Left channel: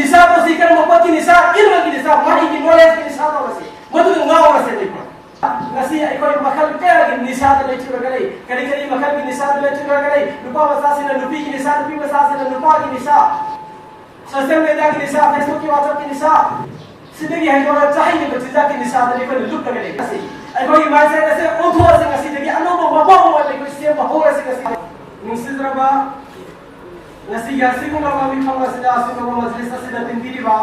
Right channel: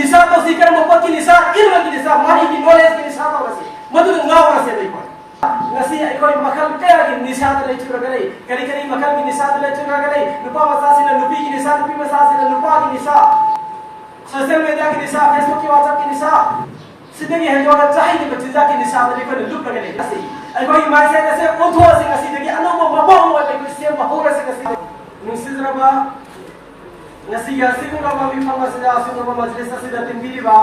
निशा को सीकर मोहब्बत की निशा इल्म की निशा माही की नॉलेज की निशा तो रसी मधु गाँव रसे नहीं ngasi ay koy makal kaya gi nisad le chura gale kari kari makal gi nisad le chura gale nupa masasi na nupi gi nisad nupi masasi na nupa gi nisa social media gi nisa facebook ki whatsapp gi nisa sidagi hai jo chahi ni bachija gi nisad le koy luk gale ngasi ay koy mai se kase otho se ngasi dagi anobo mabo wa le koy se mahor se ngasi nusidraba ngasi ga singo ma mi famasila singo ma majlis se da tindiri ba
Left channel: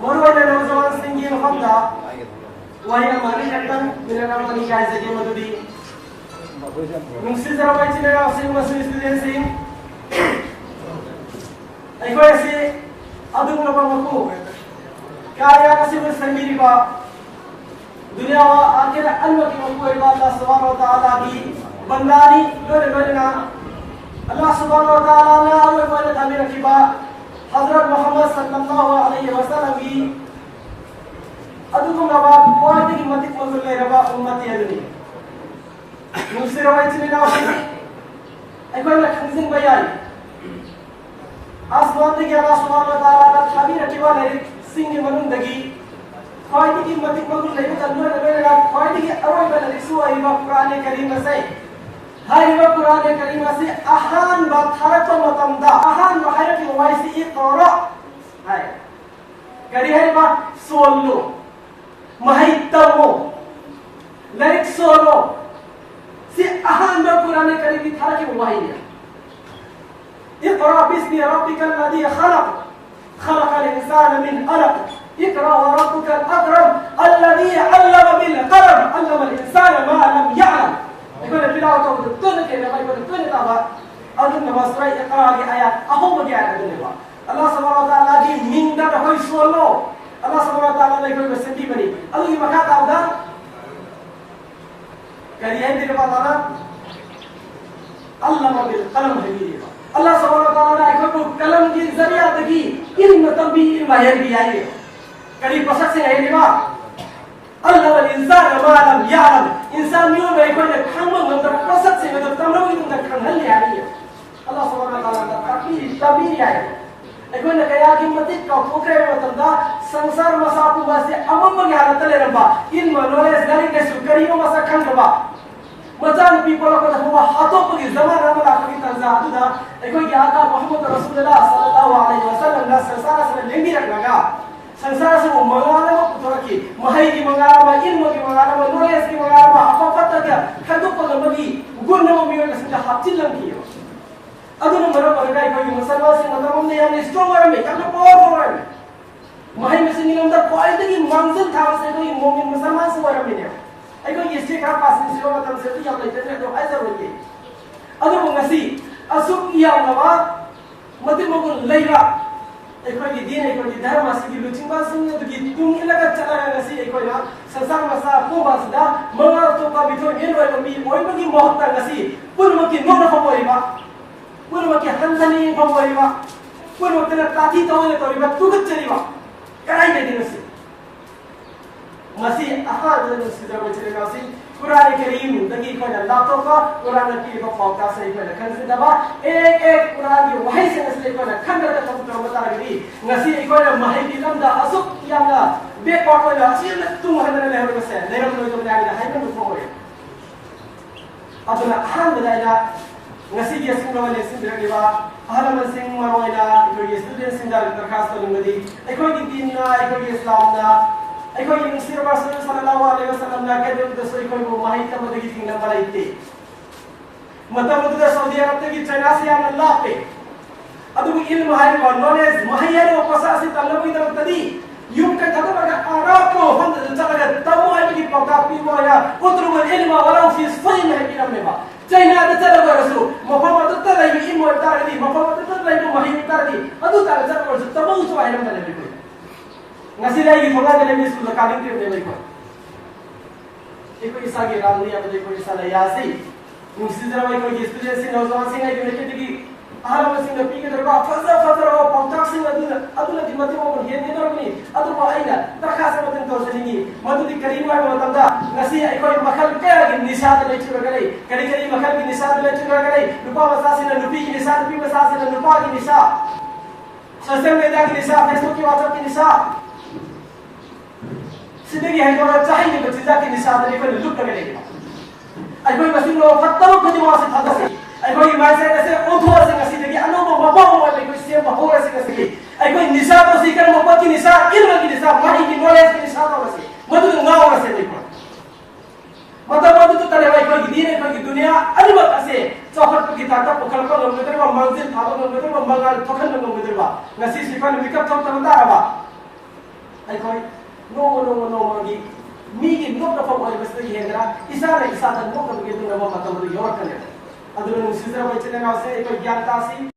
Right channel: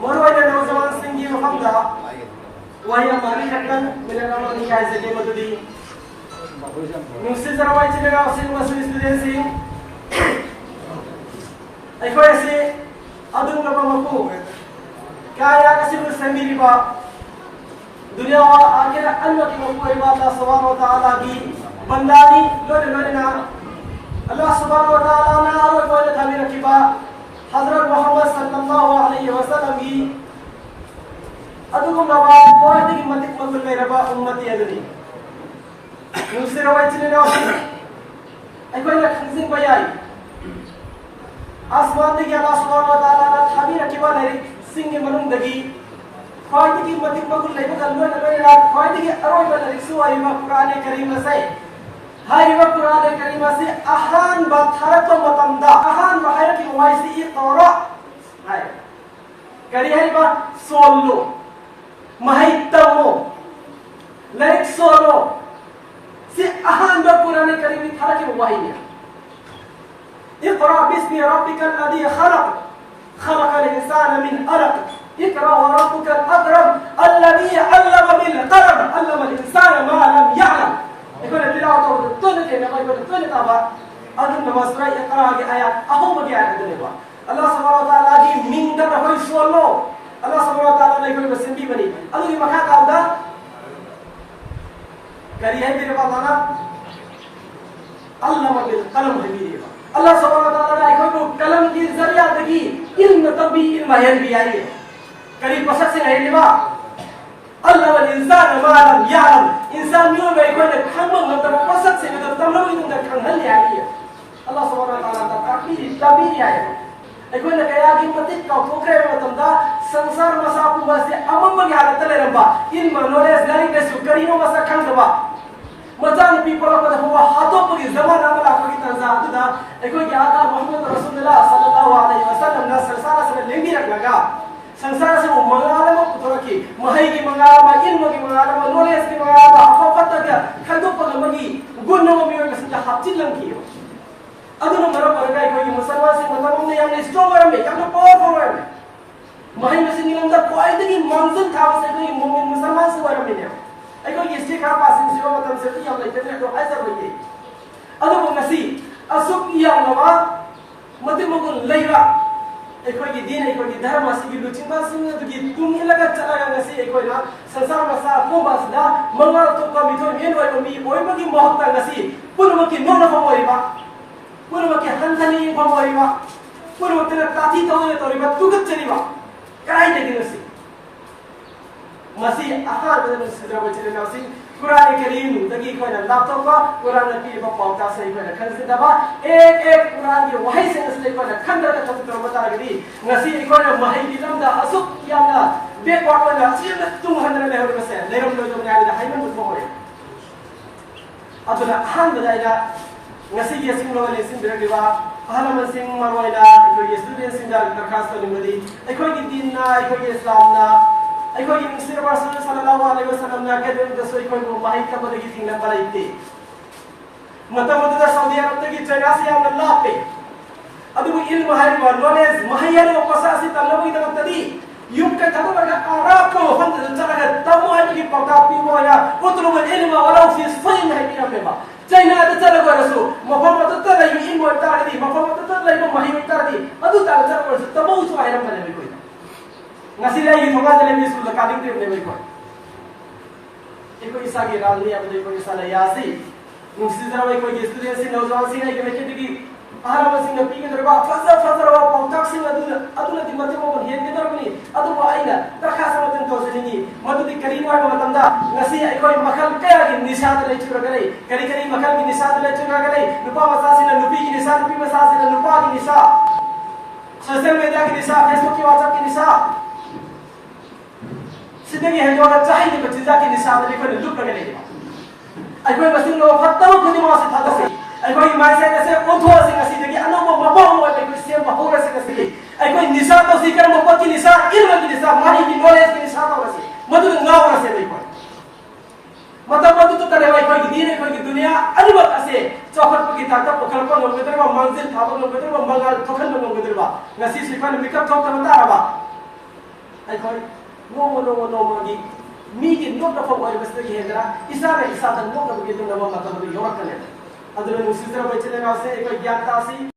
morwa le nozawan singi no famda वही हमारी शक्ल मेरे नाम नहीं कह सके मधुदी मुझसे जरा वही चलेगा उसी मसले स्टूडेंट से ऐको ऐसे अदुम लोगों को क्या यार किसी को संगीरी बा दुनिया आखिर अल्लाह की मको इबादत सुभान व तआला की बंदानी लोरे लोरे ना अल्लाह सुभान व तआला ने अल्लाह को ताबीर की बा हजरत मोहम्मद सल्लल्लाहु अलैहि वसल्लम की अदुगुम नवा कोई की मत मगुल ले रबा उम्मत ये बनी दूसरे रवायत ने ना ऐ कोई खंजिन बयाई आसमान के अल्लाह सुब्हानहु व तआला का खाबी रखिबा ने सिंह मनुन दगी कोई की मत मगुल ले अल्लाह ने बेला कोई की अरोय बन रिसु आई कुरान करीम से हाय व कुरान करीम से अहान बथरत मतंदा अहान बहर की वाइसी इकरा हाय करी है बा solo mahitamo larik solo si ahan ba Quran Karim thara ki wahiya iqra bismi rabbikal ladhi khalaq khalaqal insana min alaq اقرأ وربك الأكرم الذي علم بالقلم علم الإنسان ما لم يعلم يقول بلا تو تل के ना भाई तल का बा अदन नमस्कार इकरा की आयत अहो बगी आयत बोलेगा अल्लाह सुब्हानहु व तआला की मिंदा होई solo Allah subhanahu wa ta'ala ne कोई बसंती बनी अल्लाह की मखा कावदा करी है तेरे पास आना अल्लाह बिल कलम है मेरी अल्लाह subhanahu wa ta'ala ने कोई कलम की जरिया दगी इल्म तभी माहिर भी आई है करी पसक से है लेवा अल्लाह वल इंसान मा लम यअलम इंसान यो में कोई खंग मतलब पसक से मतलब तमलो ही तुम खंग ले आई है अल्लाह subhanahu wa ta'ala का तभी आई है ऐकोन कया की मतित का पोखरे मतंदा संसार मसापु बसे अमम हालत ले रबा इन नॉलेज लर्निंग ने सुकरियो मसा खंगबा मजान पीपल को हुआ हाथों पर जमाना में लाख की तंजा दुदा ऐकोन क्या था मोहम्मद रसूलुल्लाह सल्लल्लाहु अलैहि वसल्लम ना संसार से लेंगी रखगा संसार से वो मंगाले में पुत्र की महई की मंगाला में इल्म की मंगाला में नॉलेज की मंगाला में अफफत का खदो पर मगी गुनो मियो का सिंह हाथिलन की अदुनो मरो परगाय कोई मुसलमान से मतलब ने यानी स्ट्रॉन्गर में कानो पावरफुल है माही में से निलंदा क्वालिटी की मंजिल था से कोई मोमिन मुसलमान से वाला में है कोई ये स्टिक का पास से जो मतलब से या ले तेरे तो ऐसा होइए अदुनो नसी असुक या नवा मते मगो लेवा कोई दिन कोई धर्म से की लुचिबा सिंह तो की तुम लगा चला नसी कोई ना संसार में सा को बासदा मंगल तो का बिथो मेन वाला मी ओइ मगी महत्ता नसी पुन मकी नो न फमोइबा पुनः के हंसनी फमोइबा पुनः तेरे काथी तोइबा तुगत चलीबा काय दे दिनसी मसी अहाद ने सिद्रा बचने मसी कुरान करीम तगी को लातो का कुरान की पावता से को खन से दबा एक एक कुरान की वही से असले को खंड का तब बता रही मसी को महई दिलम दा असुक याना बे को असील तुम हन ने हो से नेरम लो तो गाली हाय में को हो अदना Ahaan बदाइला ngasi dia sing lawan sing berdewa halaman sing marwaila itu dia student sing dari terkhas kalau mudi ekoi di dinna ekoi islam na ekoi di Mesir Rasul sallallahu alaihi wasallam na kadon doso ekoi mo mahit ka badagi ting na balaite mata mata Saudi Arab ki China se an Allah pe adu ilm hari wa knowledge mahiyane upasasi talawi ka tadi yung ka kada bada arab ko hon jaga tamu ay ki pata pi mo ya utru ilma walau fi sfain hay bi ameba China ada cara berasu, mafhum itu tak lagi ilmu tadi, mafhum itu tak lagi mahir tadi, adu tak ada cara berasu, tamu itu ayam mana lebih. Nasi lagi juga dalam isu lekarin tu lebih kuat. Ikut isah kira ni apa ikut isah layasi, nusi zaman ikut isu tu sih, nozwan sih nak ikut lagi, ahal masih nak pergi terba, fasa rawa pautak sih adu nanti mati mau pergi ni tak ni, adu bawa ina, terkasih mati kau sini, mati di keringan mau tanda, nasi ikut makal kaya lagi nisad lagi cura kali. करी मखल की निशान ले चुका करे रुपा मसासी ने रुपी की निशान रुपी मसासी ने रुपा की निशान सोशल मीडिया की निशा, फेसबुक की व्हाट्सएप की निशा, सिद्धि है जो चाहिए बच्चे जाके निशा में कोई लुक कर लेगा। अगर बस इन लोग फत्तरों को दिमाग से था से अगर ये मैच ऐसे ओथो से कसी जगह अनुभव मबाऊ वाले कोई सेम हो रहे से कसी अगर निशा तो सीकर मौका की निशा, इल्म की निशा, माही की नॉलेज की निशा तो वैसे मधुर ना हो रहे नहीं पड़ मतलब तो करे भाई कोई दीन है कोई दुनिया अनिवार्य ऐसे चौखट पर गिटार का पोखर पर लोग बेटर बा मंजिल था लोग बेटर बा मंगल ठोकन लोग बेटर बा नसी सिफन मिकअप ठोक तमंदा रहा आई कोई नो मागी मीगी नो का फॉर वाले बस ये है इसा ने इसा नो का बेटे नो का मतलब योर कर ले अदर मुसिजरा बच्चे ने ना से एक ज्ञान तासी